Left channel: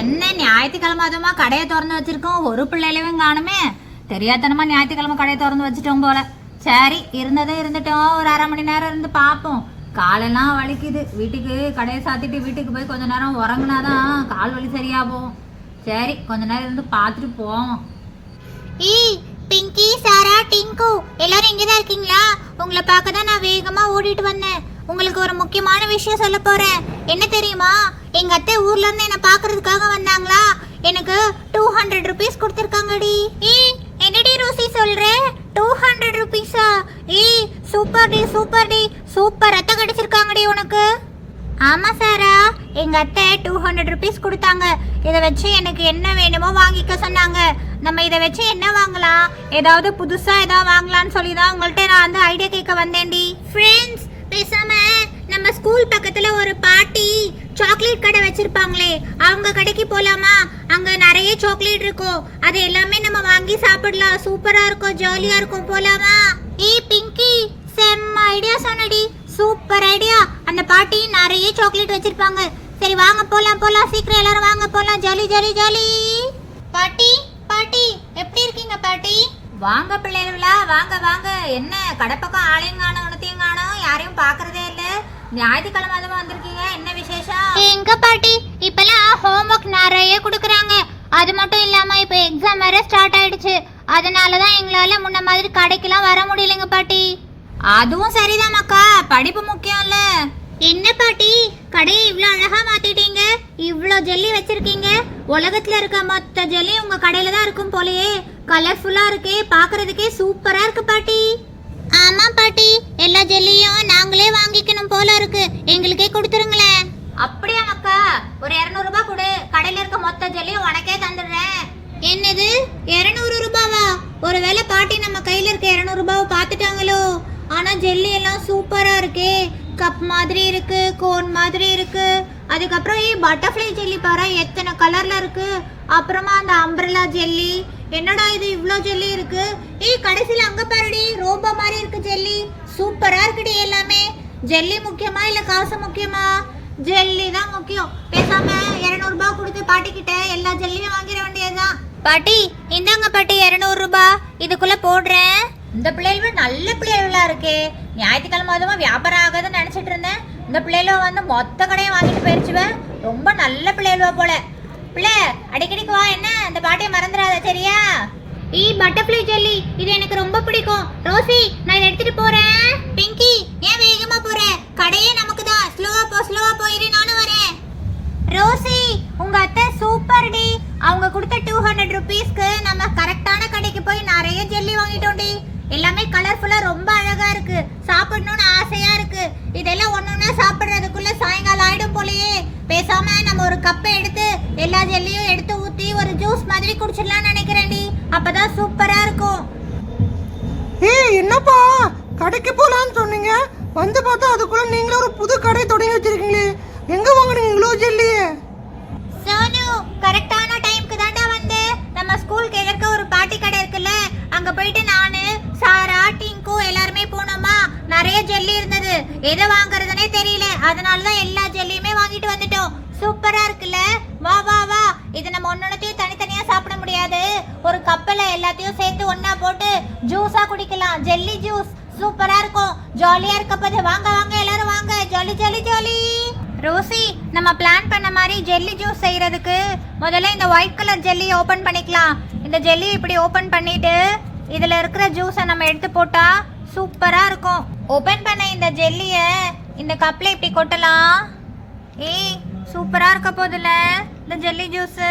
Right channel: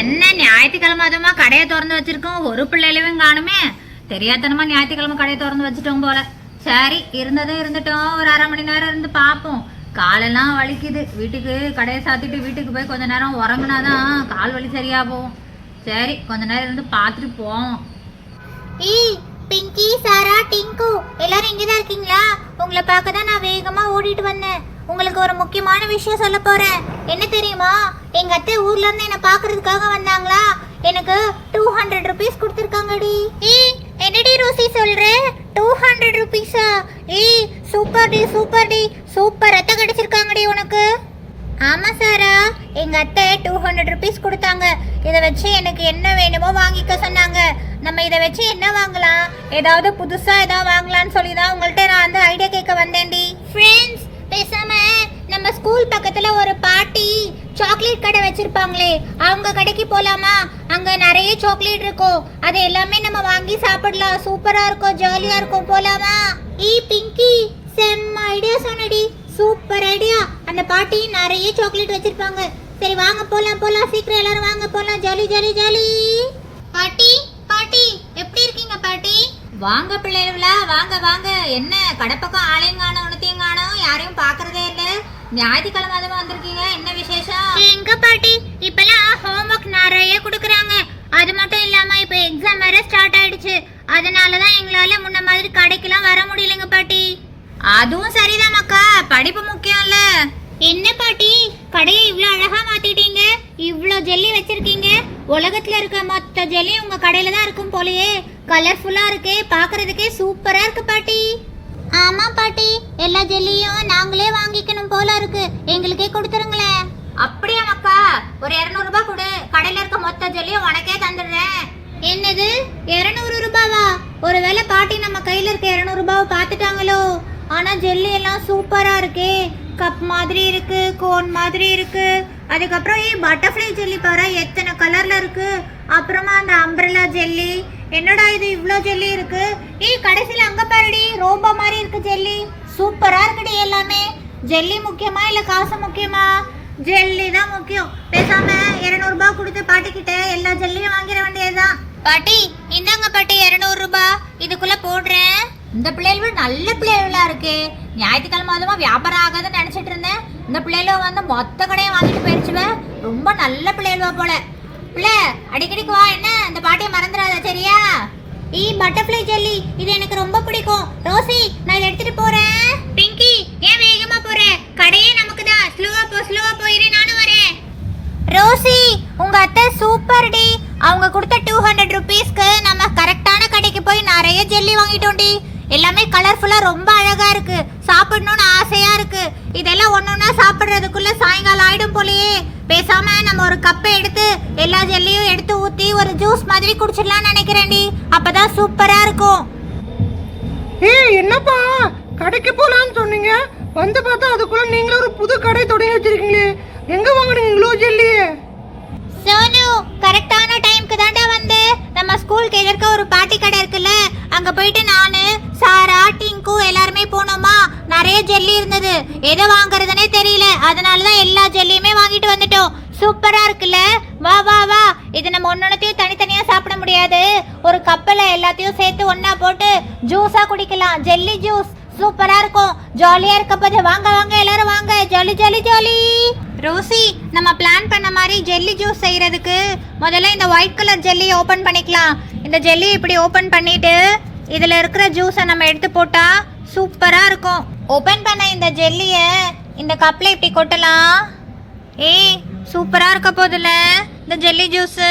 என்ன ஞாயிற்றுக்கிழமை அதுமா கடையை திறந்து வச்சிருக்கோம், ஒரு பிள்ளையிலவும் காணுமே. தெரியாதனமா ஞாயிற்றுக்கிழமை கடையை திறந்து வச்சுட்டோம் போல. சரி, இருந்ததும் இருந்துட்டோம், ஒரு அரை மணி நேரம் இருந்து பார்ப்போம். காலெல்லாம் வலிக்குது. வீட்டுக்கு கடையை சாத்திட்டு வீட்டுக்கு போய் கொஞ்ச நேரம் உறங்குனாதான் கால் வலி சரியா போகும். சரி, கொஞ்ச நேரம் இருந்து பார்த்துட்டு போவோம். பிங்கி, சாரா, டிங்கு எல்லாரும் இங்கதான் இருக்கீங்களா? உங்களை பார்க்க தான் நான் வேகமா ஓடிட்டு வந்தேன். உங்களுக்கு ஒரு முக்கியமான விஷயம் சொல்ல போறேன். என்ன தெரியுமா, எங்க அத்தை ஊர்ல இருந்து என்ன பாக்குறதுக்காக வந்தாங்களா. எனக்கு 200 rupees கொடுத்திருக்காங்கடி. என்னடி ரோசி சொல்ற? 200 rupees-ஆ? சூப்பர் டி, சூப்பர் டி, சூப்பர். அத்தை கிடைச்சிருக்காங்கடி உனக்கு. ஆமா சாரா, எங்க அத்தை 200 rupees கொடுத்தாங்க. இதை வச்சு எனக்கு என்ன வேணுமோ வாங்கிக்க சொன்னாங்க. நம்ம இதை வச்சு என்ன வாங்கலாம், ஏதாவது புதுசா ஏதாவது வாங்கலாம்னு சொல்லி தான் உங்கள்கிட்ட நான் அந்த ஐடியா கேட்க வந்தேன்டி. ஃப்ரெண்ட்ஸ், பேசாம நம்ம ஸ்கூல் பக்கத்துல ஒரு பாட்டி சாக்லேட் கடை வச்சிருப்பாங்களே, அவங்க கடைக்கு போலாமா? அங்க நிறைய சாக்லேட் இருக்கும், அது எல்லாமே நம்ம வாங்கி சாப்பிடலாம். சூப்பரா இருக்கும், ஜாலியா இருக்கும். போலாமா? பிங்கி, செம்ம ஐடியா சொன்னடி. Super idea. அந்த பாட்டி நிறைய சாக்லேட் வச்சிருப்பாங்க. சரி வாங்க போலாம், போலாம், சீக்கிரம் எல்லாரும் வாங்க போலாம். Jolly jolly jolly. பாட்டி, பாட்டி எப்படி இருக்கீங்க பாட்டி? வாங்க பிள்ளைகளா, வாங்க வாங்க. என்ன கடை பக்கம் ஆளையும் காணோம், உனத்தையும் காணோம், யாரையும் பாக்குறதே இல்லை. ஞாயிற்றுக்கிழமை அதுமா வந்திருக்கீங்க, என்ன விசேஷம்? எங்க பாட்டி, இப்பெல்லாம் ஹோம்ஒர்க் நிறைய கொடுக்குறாங்க. அது மட்டும் இல்லாம இப்ப எக்ஸாம் வேற ஸ்டார்ட் ஆயிடுச்சு. அதனாலதான் எங்களால முன்ன மாதிரி கடைக்கெல்லாம் வர முடியலங்க பாட்டி. அதுவும் சரிதான் மக்கா, படிப்பு முக்கியம் இல்ல. என்ன பாட்டி, கடையை இவ்ளோ அழகா மாத்திட்டீங்க, இவ்ளோ ஜெல்லி வச்சிருக்கீங்க. உலகத்துல இருக்க மொத்த ஜெல்லி உங்க கடையில தான் இருக்கும் போலயே. கலர்ஃபுல்லா இருக்கு, பாக்குறதுக்கே சூப்பரா இருக்கு பாட்டி. ஆமா பாட்டி, எல்லா ஜெல்லியும் நாங்களே வாங்கிக்கணும் போல இருக்கு. எங்களுக்கே கொடுத்துருங்களேன். அப்படியா மக்கா? ஒரு 200 ரூபாய் கொடு, கடையில இருக்க மொத்த ஜெல்லியும் உனக்கே தந்துடுறேன். என்னது 200 ரூபாவா? ஒருவேளை பாட்டி நம்ம கையில இருக்க 200 ரூபாவை பார்த்துட்டாங்களோ? ஆனா ஜெல்லி எல்லாம் சூப்பரா இருக்கு. கப் மாதிரி இருக்கு, கோன் மாதிரி இருக்கு. அதுக்கப்புறம் பட்டர்ஃப்ளை ஜெல்லி பாரு, எத்தனை கலர்ல இருக்கு. அப்புறமா அந்த அம்பிரலா ஜெல்லி. என்னடா இது இவ்ளோ ஜெல்லி இருக்கு? கடைசியில அங்க பாருடி, ரோபோ மாதிரி இருக்கு ஜெல்லி. சூப்பரா இருக்குடி எல்லாமே. ஜெல்லி முக்கியமா இல்ல காசு முக்கியமா? ஜெல்லி தான் முக்கியம். பேசாம 200 ரூபாய் கொடுத்து பாட்டி கிட்ட எல்லா ஜெல்லியும் வாங்கிட வேண்டியதுதான். பாட்டி, இந்தாங்க பாட்டி 200 ரூபாய், இதுக்குள்ள போடுறேன். இந்த பிள்ளைகள் நல்ல பிள்ளைகளா இருக்கு. ஞாயிற்றுக்கிழமை அதுமா வியாபாரம் ஆகாதுன்னு நினைச்சிட்டு இருந்தேன். இந்த பிள்ளைகள வந்து மொத்த கடையும் வாங்கிட்டு போயிருச்சுவேன். ரொம்ப நல்ல பிள்ளைகளா போல. பிள்ளை அடிக்கடிக்கு வா, என்ன அந்த பாட்டியை மறந்துடாத சரியா? பட்டர்ஃப்ளை ஜெல்லி இது எனக்கு ரொம்ப பிடிக்கும். ரோசி, நான் இதை எடுத்துட்டு போறேன். பிங்கி, ஏன் வேகமா போற? கடையே நமக்கு தான். ஸ்லோவா போ, ஸ்லோவா போயிரு, நானும் வரேன். ரோசி, உங்க அத்தை சூப்பர் டி. அவங்க கொடுத்த 200 rupeesக்கு நம்ம கரெக்டான கடைக்கு போய் நிறைய ஜெல்லி வாங்கிட்டோம்டி. எல்லாமே கலர்ஃபுல்லா ரொம்ப அழகா இருக்கு. சாப்பிடணும்னு ஆசையா இருக்கு. இதெல்லாம் ஒன்னொன்னா சாப்பிடுறதுக்குள்ள சாயங்காலம் ஆயிடும் போலயே. பேசாம நம்ம ஒரு கப்பை எடுத்து எல்லா ஜெல்லியும் எடுத்து ஊத்தி ஒரு ஜூஸ் மாதிரி குடிச்சிடலாம்னு நினைக்கிறேன்டி. அப்பதான் சூப்பரா இருக்கும். என்னப்பா கடைக்கு போலான்னு சொன்னீங்க, வந்து பார்த்தா அதுக்குள்ள நீங்களும் ஒரு புது கடை தொடங்கி வச்சிருக்கீங்களே. எங்க வாங்குனீங்க இவ்வளோ ஜெல்லி? சோனு, கரெக்டான டைம்க்கு தான்டா வந்து நம்ம ஸ்கூலுக்கு எதிர்க்க ஒரு பாட்டி கடை இருக்குல்ல, அங்க போயிட்டு நானு, சாரா, டிங்கு எல்லாருமே போனோமா. நிறைய ஜெல்லி இருந்தது, எதை வாங்குறதுனே தெரியல. அதனாலதான் எல்லா ஜெல்லியுமே வாங்கிட்டு வந்துட்டோம். சூப்பரா இருக்குல்ல? வா வா வா. இது நம்ம ஒன்னொன்னையும் தனித்தனியா சாப்பிட முடியாது. ஒரு கப்பல எல்லாத்தையும் சேர்த்து ஒன்னா போட்டு ஜூஸா குடிக்கலாம். ஜெல்லி ஜூஸ் சூப்பரா இருக்கும். ஜாலியா இருக்க போது வாங்க வாங்க எல்லாரும் வாங்க. Jolly jolly jolly. ரோசி, நம்ம பிளான் பண்ண மாதிரி ஜெல்லி ஜூஸ் செய்யறதுக்கு முதல்ல இந்த ஒயிட் கலர் ஜெல்லி ஓபன் பண்ணிக்கலாம். இந்த ஜெல்லி இப்படி ஓபன் பண்ணிட்டு இதுல இருக்கிற ஜூஸை நம்ம எடுத்து போட்டா சூப்பரா இருக்கும். ஓபன் பண்ண இந்த ஜெல்லிய இந்த கப்ல இப்படி கொட்டலாம். சூப்பரா இருக்க போதுல இந்த ஜெல்லி ஜூஸ்.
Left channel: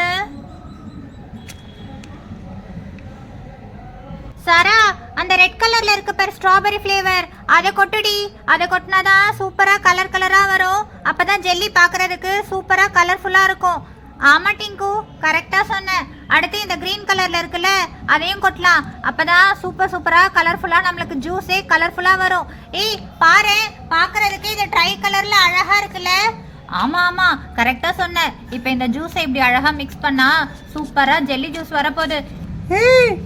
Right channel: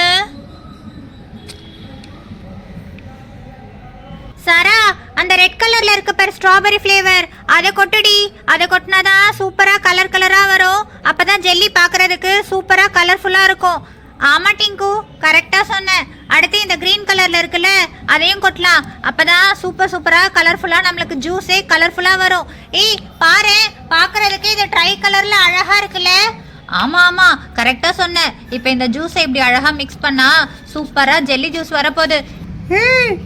சாரா, அந்த ரெட் கலர்ல இருக்க பேர் ஸ்ட்ராபெரி ஃப்ளேவர், அதை கொட்டுடி. அதை கொட்டினாதான் சூப்பரா கலர் கலரா வரும். அப்பதான் ஜெல்லி பாக்குறதுக்கு சூப்பரா கலர்ஃபுல்லா இருக்கும். ஆமா டிங்கு, கரெக்டா சொன்னேன். அடுத்து இந்த கிரீன் கலர்ல இருக்குல்ல, அதையும் கொட்டலாம். அப்பதான் சூப்பரா கலர்ஃபுல்லா நம்மளுக்கு ஜூஸே கலர்ஃபுல்லா வரும். பாரு, பாக்குறதுக்கு இது ட்ரை கலர்ல அழகா இருக்குல்ல? ஆமா ஆமா, கரெக்டா சொன்ன. இப்ப இந்த ஜூஸை இப்படி அழகா மிக்ஸ் பண்ணா சூப்பரா ஜெல்லி ஜூஸ் வரப்போகுது.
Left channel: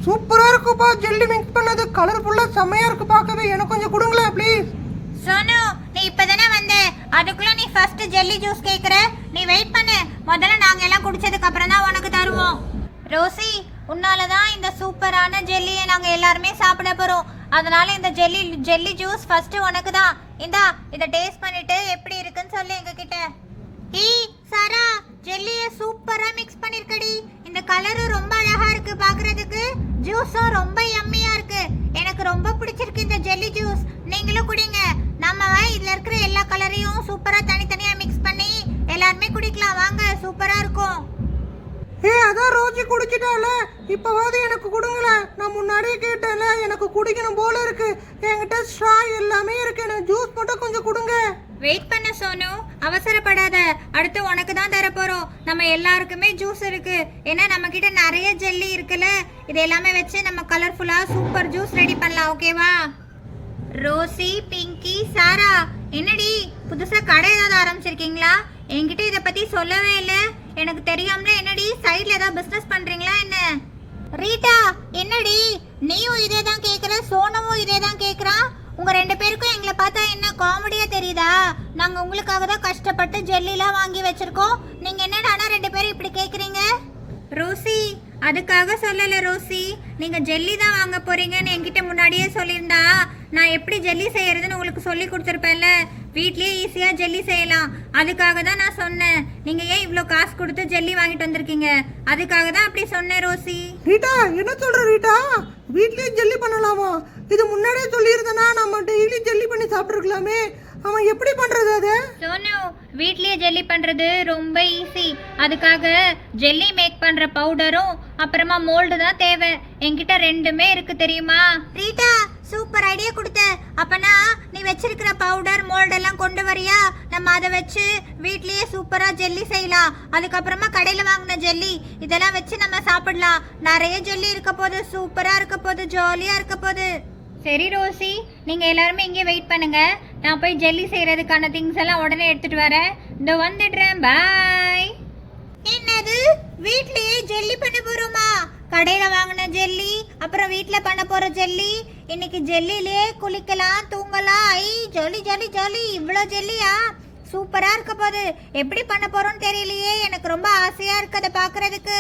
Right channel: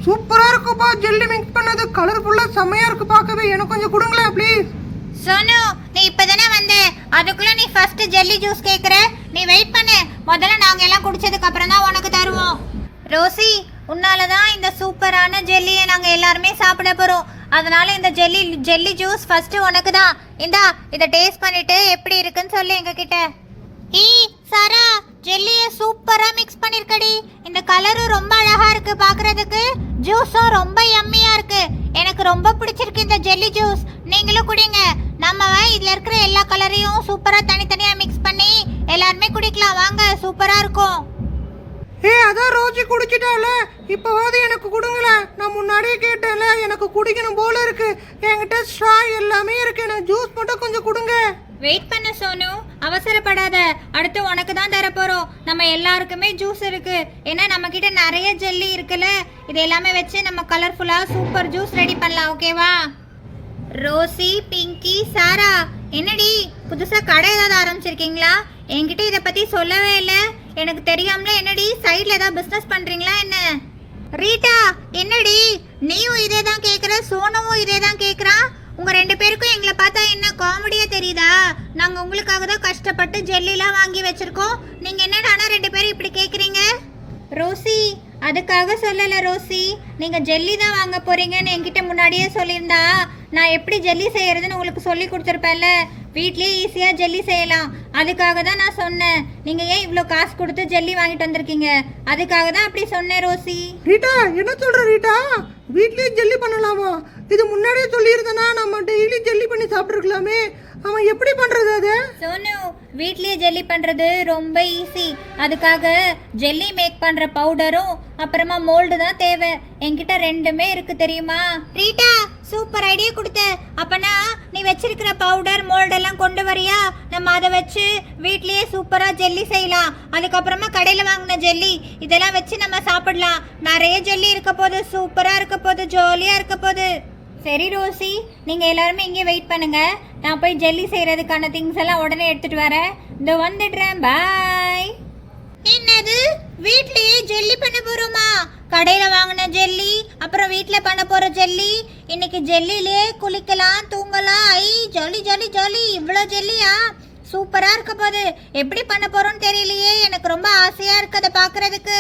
சூப்பரா இருக்குப்பா. ஜெல்லி மிக்ஸ் பண்ணது கலர்ஃபுல்லா செமையா இருக்கு பார்க்கவே. எனக்கு கொஞ்சம் கொடுங்களேன் ப்ளீஸ். சோனு, நீ இப்பதானே வந்த, அதுக்குள்ள நீ ஃபர்ஸ்ட் ஜெல்லி ஜூஸ் கேக்குற. நீ வெயிட் பண்ணு, முதல்ல நாங்க எல்லாம் குடிச்சதுக்கு அப்புறம் தான் உனக்கு தருவோம். ரோசி, உன்னாலதான் இந்த சூப்பரான ஜெல்லியை நாங்க எல்லாருமே சாப்பிட போறோம். அதனால இந்த ஜெல்லி ஜூஸ் ஃபர்ஸ்ட் உனக்கு தான். இந்தா, இதை டேஸ்ட் பண்ணிட்டு எப்படி இருக்குன்னு சொல்லு எங்க கிட்ட. ஏய் சாரா, ஜெல்லிய சூப்பரா மிக்ஸ் பண்ணிருக்கடி. இந்த கலரும் ரொம்ப அழகா இருக்கு பாக்குறதுக்கு, ஜூஸும் ரொம்ப யம்மியா இருக்கு. எனக்கு ரொம்ப பிடிச்சிருக்கு இந்த ஜெல்லி ஜூஸ். நீங்களும் குடிங்க. நம்ம இதுல இருக்கிற எல்லா கலரையும் சூப்பரா தனித்தனியா மிக்ஸ் பண்ணி எல்லாருமே குடிக்கலாம் வாங்க, சூப்பரா இருக்கும். அதான் ரோஜி குடிச்சிட்டால, இப்போவாது எனக்கு கொடுங்களேன். நான் முன்னாடியே கேட்டேன்ல, எனக்கு குடிக்கணும் போல இருக்கு. என்கிட்ட ஸ்ட்ரா எல்லாமே இருக்கு, எனக்கு ஜூஸ் மட்டும் கொஞ்சம் கொடுங்க. வெயிட் பண்ண சோனு, அவசரப்படாத. அடுத்து உனக்கு தான் தர போறோம். நம்ம எல்லாருக்குமே ஜூஸ் இருக்கு. ஏன்னா நம்ம கிட்ட நிறைய ஜெல்லி இருக்குல்ல, இது எல்லாமே வச்சு நம்ம கலர்ஃபுல்லா சூப்பர் ஜூஸ் ரெடி பண்ணலாம். ஓகேவா? ரோசி, பிங்கி, சாரா, என்னடி புதுசா கடை ஏதாவது ஆரம்பிச்சிருக்கீங்களா? என்கிட்ட இதை பத்தி சொல்லவே இல்லை. எனக்கு தெரியாமல என்னடி சைட்ல ஏதாவது பிசினஸ் பண்றீங்களா என்ன? ரீட்டா, என்னடி நீயும் இதே தான் கேக்குற, சோனவும் இதே தான் கேக்குறான். உங்க ரெண்டு பேருக்கும் எங்களை பார்த்தா என்ன காமெடியா தெரியுதா? நாங்க உங்களுக்காக தான் கஷ்டப்பட்டு ஜெல்லிலாம் வாங்கி வச்சிருக்கோம். நீங்க என்னடானா ரெண்டு பேரும் இப்படி கேக்குறீங்க? ரோசி, அதுக்காக சொல்லல ரோசி. நீங்க ஜெல்லி தான் வாங்க போறீங்கன்னு என்கிட்ட முன்னாடியே சொல்லியிருந்தா நான் எப்படி ஜெல்லி செய்யறதுன்னு உங்களுக்கு சொல்லி கொடுத்துருப்பேன்ல. வீட்லயே ஈஸியா ஜெல்லி செய்யலாம். அதுக்காக தான் நான் சொன்னேன். நீங்க ஏன் இவ்ளோ காசு கொடுத்து ஜெல்லி வாங்கிட்டு வந்திருக்கீங்க? அதுக்காக தான் அப்படி சொன்னேன் ரோசி. ரீட்டா, என்ன சொல்ற ரீட்டா? வீட்லயே ஜெல்லி பண்ணலாமா? இது முன்னாடியே சொல்லியிருந்தனா நம்ம டெய்லி ஜெல்லி பண்ணி சாப்பிட்டுருக்கலாமே. அவன் எப்படி பண்றது அத? சோனு, வீட்லயே ஜெல்லி பண்றது ரொம்ப ஈஸி. அதுக்காக ஜெல்லி மேக் பண்ற பவுடரும் அப்புறமா மோல்டு தான் தேவை. என்கிட்ட ரெண்டுமே இருக்கு தெரியுமா? ரீட்டா, சூப்பர் ஐடியா கொடுத்த. அப்பனா நீ வச்சிருக்கிற பவுடர் மோல்டெல்லாம் கொண்டு வரியா? நம்ம அதை வச்சு வீட்லயே சூப்பரா ஜெல்லி செய்யலாம். அதுக்கப்புறமா கடையில வாங்கின ஜெல்லி இதெல்லாம் வச்சு நம்ம சாப்பிடலாம். நிறைய ஜெல்லி இருக்க போது, சூப்பரா இருக்க போது, ஜாலியா இருக்க போது. சரி ரோசி, நீங்க எல்லாருமே இங்கே வெயிட் பண்ணுங்க. நான் போய் ஜெல்லி செய்யறதுக்கான திங்ஸ் எல்லாம் உடனே எடுத்துட்டு வரேன். இந்த வந்துடுறேன். பாய். என்னது, வீட்லயே ஜெல்லி பண்ண போறோமா? கடையில வாங்கின ஜெல்லி, அப்புறம் வீட்ல பண்ண போற ஜெல்லி. இன்னைக்கு ஜெல்லிலே குளிக்கலாம், தூங்கலாம். ஐ ஜாலி ஜாலி ஜாலி. இவ்வளோ ஜெல்லியா? சூப்பரா இருக்க போது. எப்படி பண்ண போறோம்னு தெரியலையே. எனக்கு ரொம்ப ஆசையா இருக்கு அதை பாக்குறதுக்கு.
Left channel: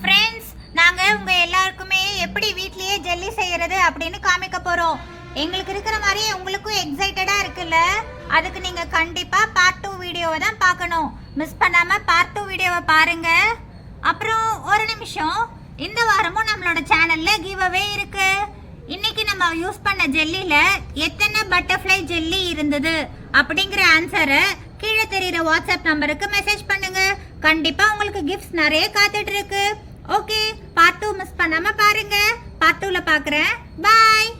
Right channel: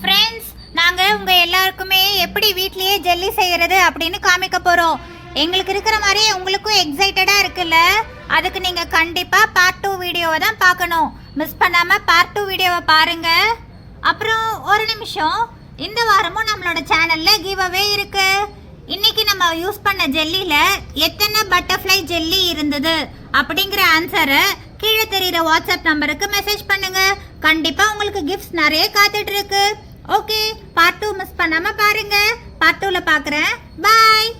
ஃப்ரெண்ட்ஸ், நாங்க உங்க எல்லாருக்குமே எப்படி வீட்லயே ஜெல்லி செய்யறது அப்படின்னு காமிக்க போறோம். எங்களுக்கு இருக்கிற மாதிரி உங்களுக்கும் எக்ஸைட்டடா இருக்குல்ல? அதுக்கு நீங்க கண்டிப்பா பார்ட் 2 வீடியோவை தான் பார்க்கணும். மிஸ் பண்ணாம பார்ட் 2 வீடியோவை பாருங்க. அப்புறம் ஒரு நிமிஷம், இந்த வாரமும் நம்மளோட சேனல்ல கிவ் அவே இருக்கு. இன்னைக்கு நம்ம யூஸ் பண்ண ஜெல்லில எத்தனை பட்டர்ஃப்ளை ஜெல்லி இருந்தது அப்படிங்கிற ஆன்சரை கீழே தெரியுற வாட்ஸ்அப் நம்பருக்கு மெசேஜ் பண்ணுங்க. கண்டிப்பா உங்களுக்கு கிஃப்ட்ஸ் நிறைய காத்துட்டு இருக்கு. ஓகே, பார்ட் 2 மிஸ் பண்ணாம பாருங்க. பார்ட் 2ல பார்க்குறேன். பாய்.